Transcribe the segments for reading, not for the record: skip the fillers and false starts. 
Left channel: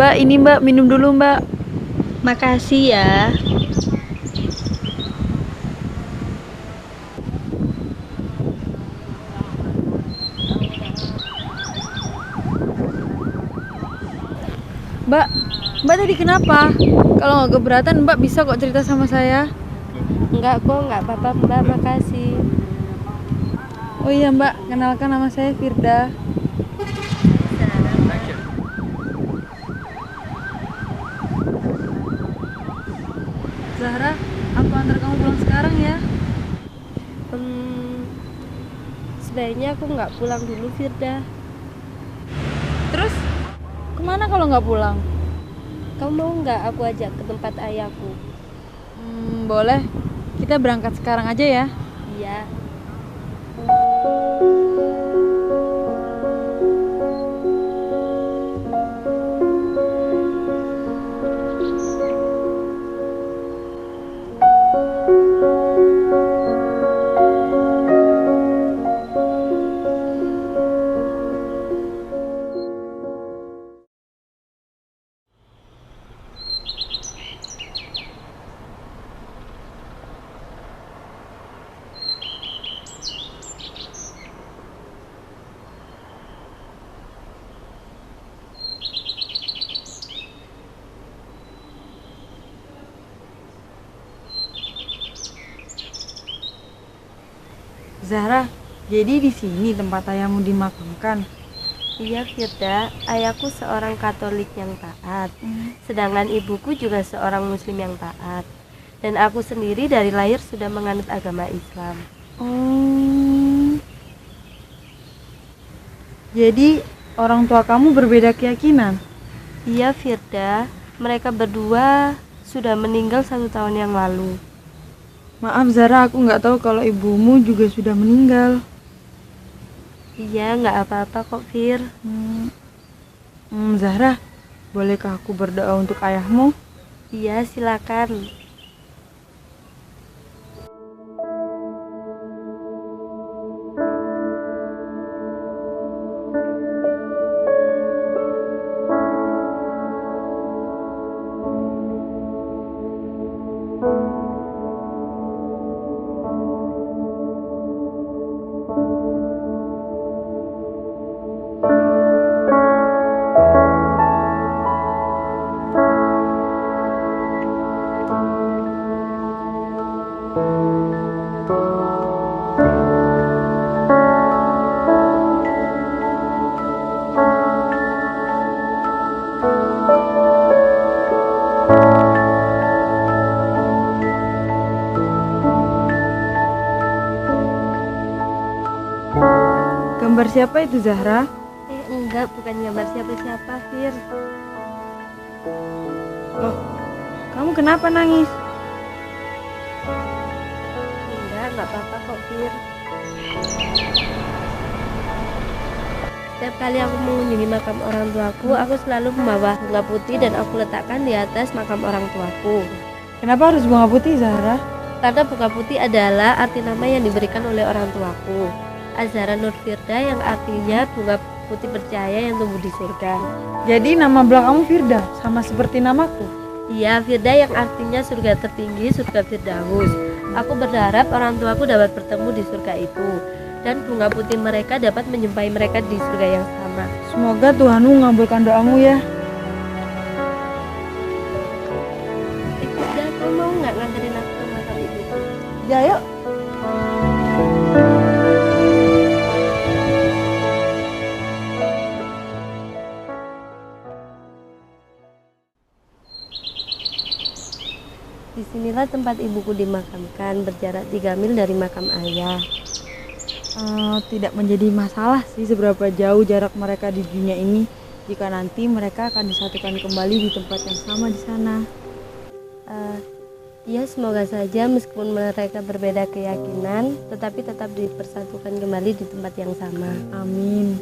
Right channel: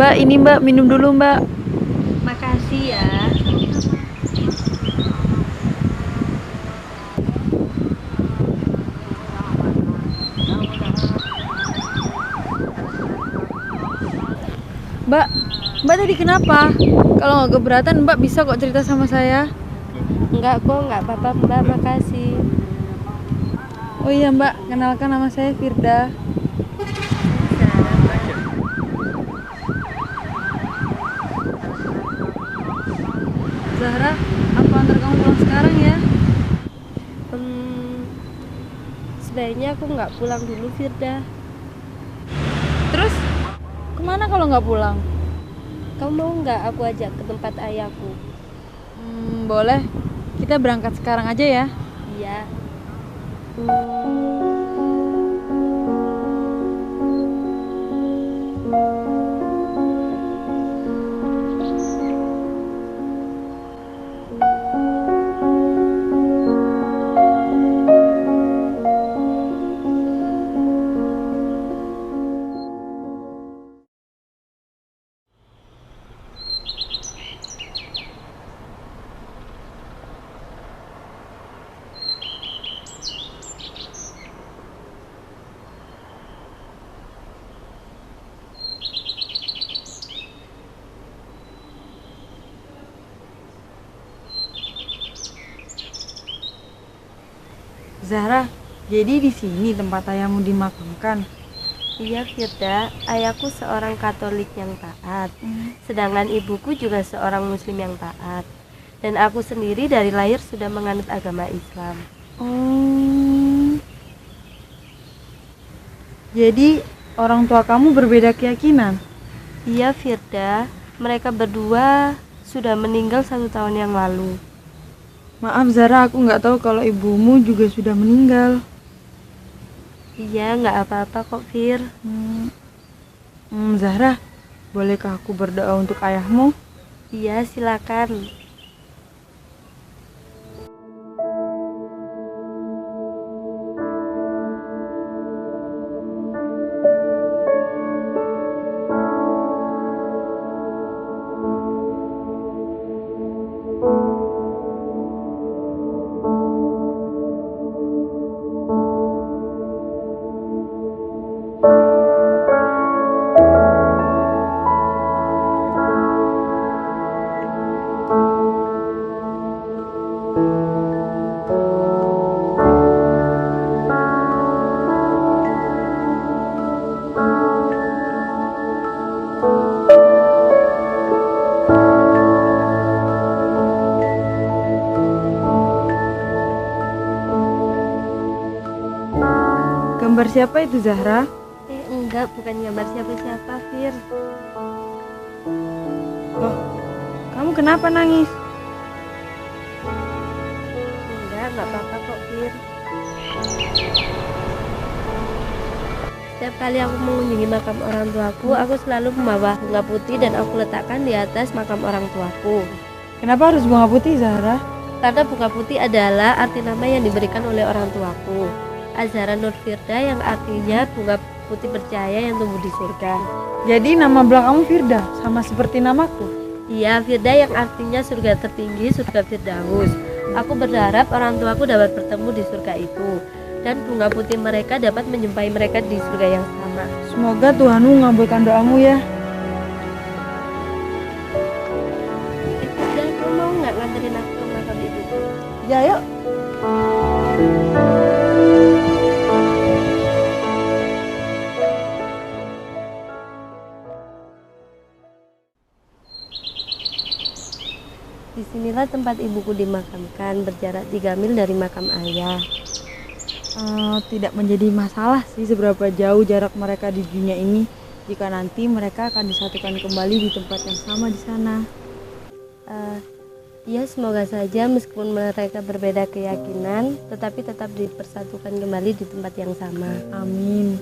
Mbak, ini Mbak, minum dulu Mbak. Makasih ya. Mbak, Mbak tadi kenapa? Kalau nggak keberatan Mbak bisa kok cerita sama saya. Enggak kok, enggak apa-apa Mbak, makasih. Oh iya Mbak, kenalkan nama saya Firda. Zahra, aku antar kamu pulang sekarang ya. Hmm, sebaiknya aku nggak pulang dulu, Firda. Terus, kemana kalau nggak pulang? Kamu mau nggak aku ajak ke tempat ayahku? Boleh. Kita berangkat sekarang aja ya. Iya. Zahra, jadi di sini tempat ayahmu dimakamkan. Iya, Firda. Ayahku seorang Katolik yang taat. Sedangkan ibuku juga seorang Muslim yang taat. Dan aku sendiri dari lahir sudah menganut agama Islam. Oh. Jadi orang tua kamu berbeda keyakinan? Iya, Firda. Mereka berdua sudah meninggal 1 tahun yang lalu. Maaf Zahra, aku nggak tahu kalau ibumu juga sudah meninggal. Iya, nggak apa-apa kok, Fir. Zahra, bolehkah aku berdoa untuk ayahmu? Iya, silakan. Gambar siapa itu Zahra? Enggak, bukan gambar siapa-siapa, Fir. Loh, kamu kenapa nangis? Enggak apa-apa kok, Fir. Setiap kali aku mengunjungi makam orang tuaku, aku selalu membawa bunga putih dan aku letakkan di atas makam orang tuaku. Kenapa harus bunga putih Zahra? Karena bunga putih adalah arti nama yang diberikan oleh orang tuaku. Azhara Nur Firda, yang artinya bunga putih percaya yang tumbuh di surga. Jadi nama belakangmu Firda, sama seperti namaku? Iya, Firda yang artinya surga tertinggi, surga Firdaus. Aku berharap orang tuaku dapat bertemu di surga itu, dan bunga putih mereka dapat menjumpai mereka di surga yang sama. Semoga Tuhanmu mengabulkan doamu ya. Firda, kamu mau nggak nganterin aku ke makam ibuku? Ya yuk. Disinilah tempat ibuku dimakamkan, berjarak 3 mil dari makam ayah. tidak menjadi masalah sih seberapa jauh jarak mereka di dunia ini jika nanti mereka akan disatukan kembali di tempat yang sama di sana. Ya, semoga saja meskipun mereka berbeda keyakinan, tetapi tetap dipersatukan kembali di tempat yang sama. Amin.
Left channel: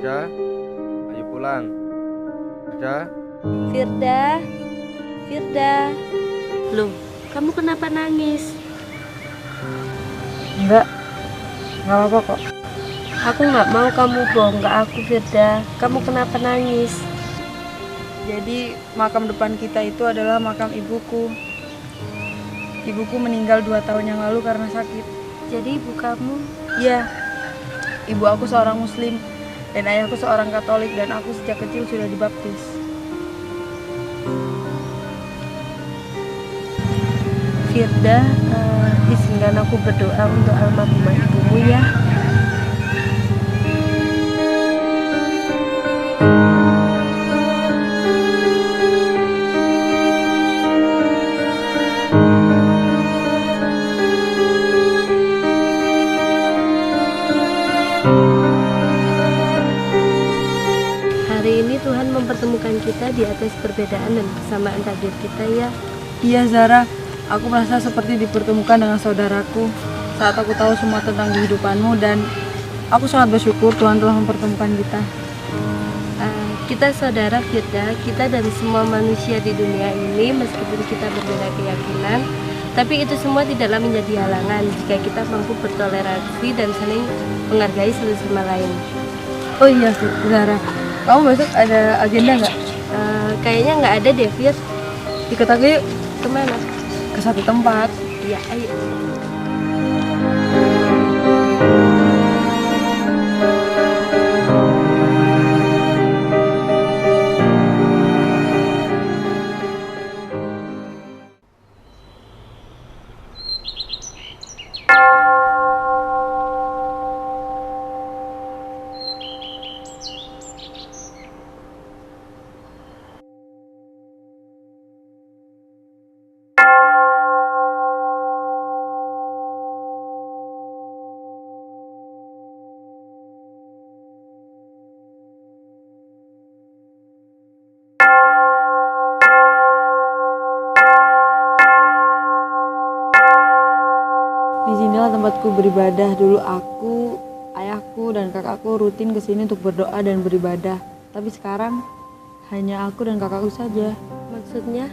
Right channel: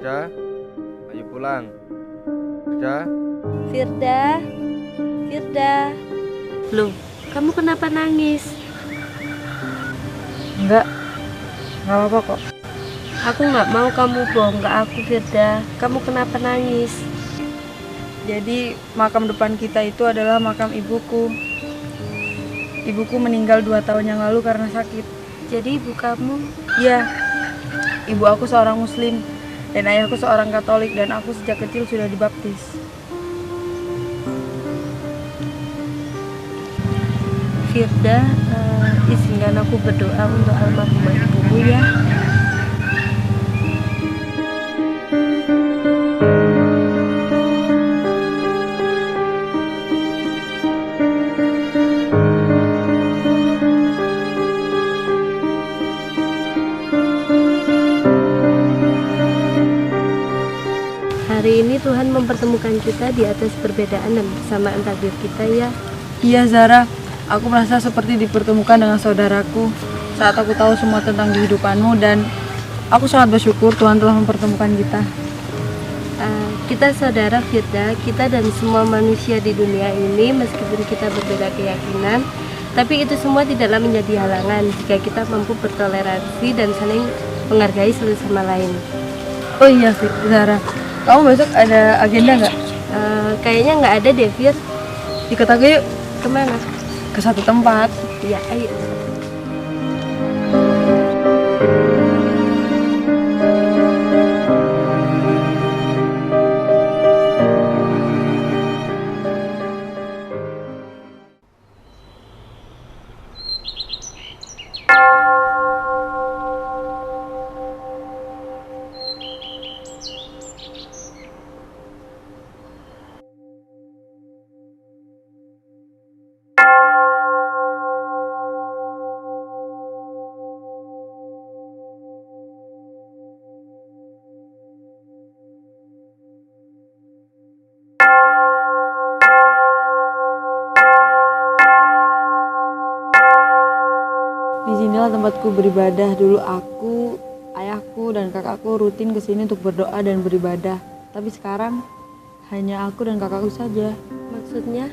Firda, ayo pulang. Firda, Firda, Firda. Loh, kamu kenapa nangis? Enggak apa-apa kok. Aku nggak mau kamu bohong ke aku, Firda. Kamu kenapa nangis? Jadi makam depan kita itu adalah makam ibuku. Ibuku meninggal 2 tahun yang lalu karena sakit. Jadi ibu kamu? Iya, ibu aku seorang muslim dan ayahku seorang Katolik dan aku sejak kecil sudah dibaptis. Firda, izinkan aku berdoa untuk almarhumah ibumu ya. Hari ini Tuhan mempertemukan kita di atas perbedaan dan persamaan takdir kita ya. Iya Zara, aku merasa seperti dipertemukan dengan saudaraku saat aku tahu semua tentang kehidupanmu dan aku sangat bersyukur Tuhan telah mempertemukan kita. Kita saudara Firda, kita dan semua manusia di dunia ini meskipun kita berbeda keyakinan, tapi itu semua tidaklah menjadi halangan jika kita mampu bertoleransi dan saling menghargai satu sama lain. Oh iya Zara, kamu besok ada agenda nggak? Kayaknya nggak ada deh Fir. Ikut aku yuk Kemana? ke satu tempat. Ya ayo. Disinilah tempatku beribadah. Dulu aku, ayahku, dan kakakku rutin kesini untuk berdoa dan beribadah. Tapi sekarang hanya aku dan kakakku saja. Maksudnya?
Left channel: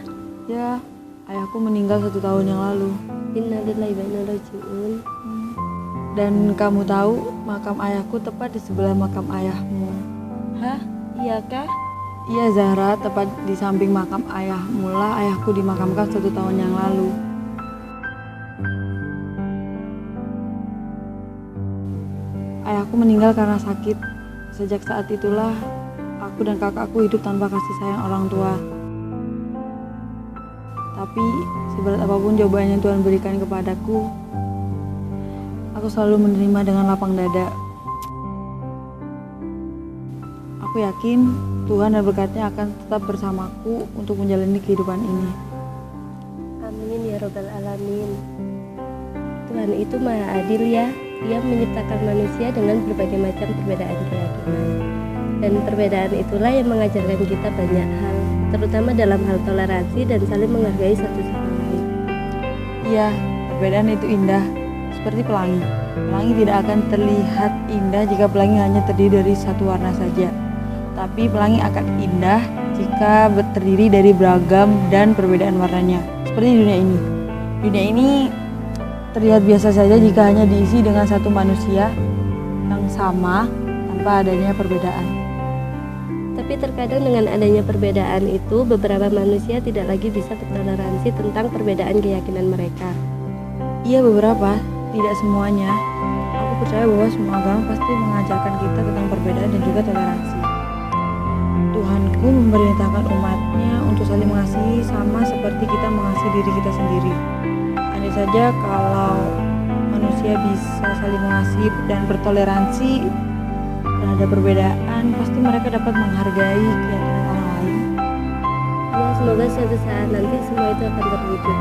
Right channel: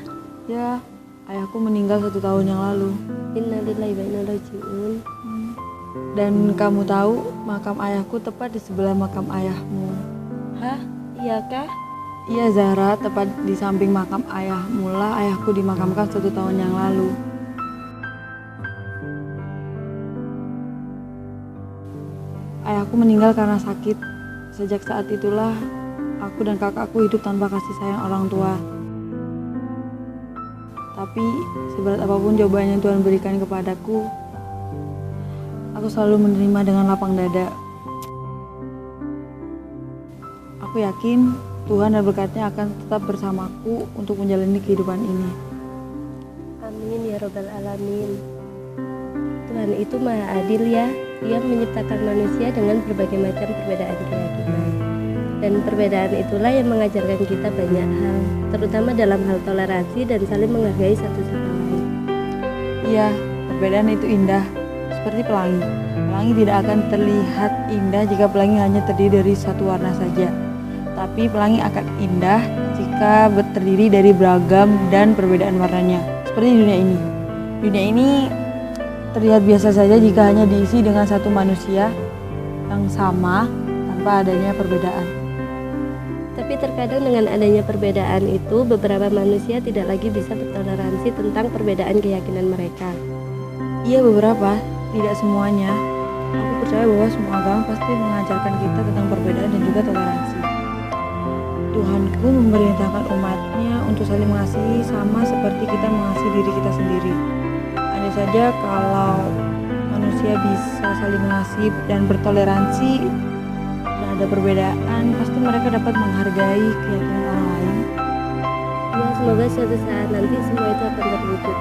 Ya, ayahku meninggal 1 tahun yang lalu. Innalillahi wa inna ilaihi raji'un. Dan kamu tahu, makam ayahku tepat di sebelah makam ayahmu. Hah? Iya kah? Iya Zahra, tepat di samping makam ayahmu lah ayahku dimakamkan 1 tahun yang lalu. Ayahku meninggal karena sakit. Sejak saat itulah aku dan kakakku hidup tanpa kasih sayang orang tua. Tapi seberat apapun jawaban yang Tuhan berikan kepadaku, aku selalu menerima dengan lapang dada. Aku yakin Tuhan dan berkatnya akan tetap bersamaku untuk menjalani kehidupan ini. Amin ya robbal alamin. Tuhan itu maha adil ya. Ia menciptakan manusia dengan berbagai macam perbedaan keyakinan. Dan perbedaan itulah yang mengajarkan kita banyak hal, terutama dalam hal toleransi dan saling menghargai satu sama lain. Iya, perbedaan itu indah, seperti pelangi. Pelangi tidak akan terlihat indah jika pelangi hanya terdiri dari satu warna saja. Tapi pelangi akan indah jika terdiri dari beragam dan perbedaan warnanya. Seperti dunia ini. Dunia ini terlihat biasa saja jika hanya diisi dengan satu manusia yang sama tanpa adanya perbedaan. Tapi terkadang dengan adanya perbedaan itu, beberapa manusia tidak lagi bisa bertoleransi tentang perbedaan keyakinan mereka. Iya, beberapa, tidak semuanya. Aku percaya bahwa semua agama pasti mengajarkan kita tentang perbedaan dan juga toleransi. Tuhanku memerintahkan umatnya untuk saling mengasihi sama seperti kita mengasihi diri kita sendiri. Andai saja kalau manusia bisa saling mengasihi dan bertoleransi terhadap perbedaan, pasti mereka dapat menghargai keyakinan orang lain. Ya, semoga suatu saat nanti semua itu akan terwujud.